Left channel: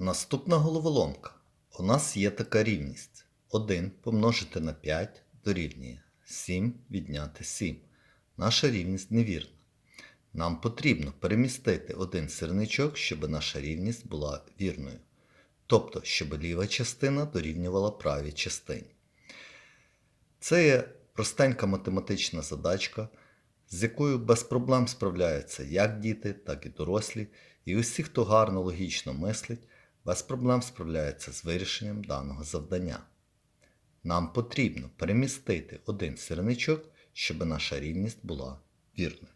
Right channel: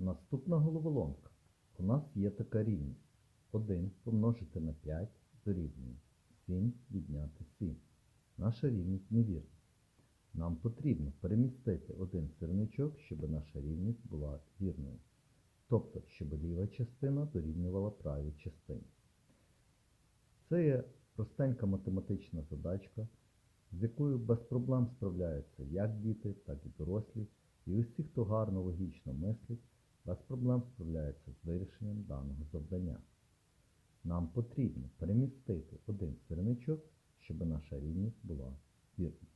Наступна головоломка. У нас є така рівність. 1 помножити на 5 дорівнює 7 відняти 7. Наша рівність невірна. Нам потрібно перемістити один сірничок, щоб наша рівність була вірною. Тобто, щоб ліва частина дорівнювала правій частині. Це є простенька математична задачка, з якою без проблем справляються як діти, так і дорослі, і усі, хто гарно логічно мислить, без проблем справляються з вирішенням даного завдання. Нам потрібно перемістити один сірничок, щоб наша рівність була вірною.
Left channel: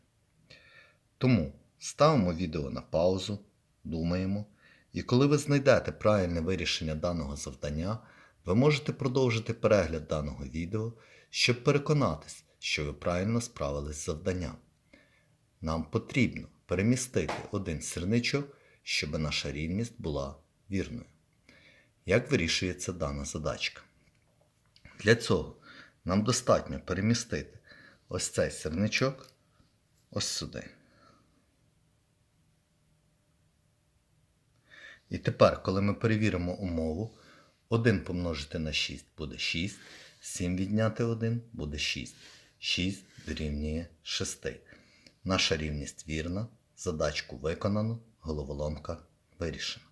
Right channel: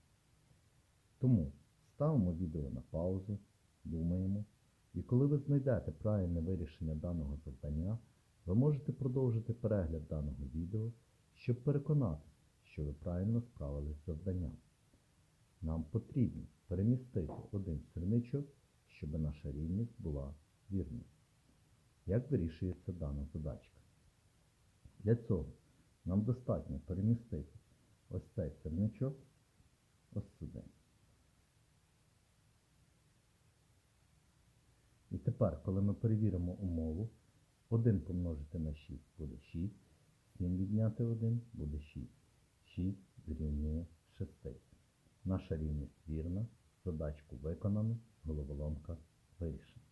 Тому ставимо відео на паузу, думаємо, і коли ви знайдете правильне вирішення даного завдання, ви можете продовжити перегляд даного відео, щоб переконатись, що ви правильно справились з завданням. Нам потрібно перемістити один сірничок, щоб наша рівність була вірною. Як вирішується дана задачка? Для цього нам достатньо перемістити ось цей сірничок ось сюди. І тепер, коли ми перевіримо умову, 1 помножити на 6 буде 6, 7 відняти 1 буде 6. 6 дорівнює 6. Наша рівність вірна, задачку виконано, головоломка вирішена.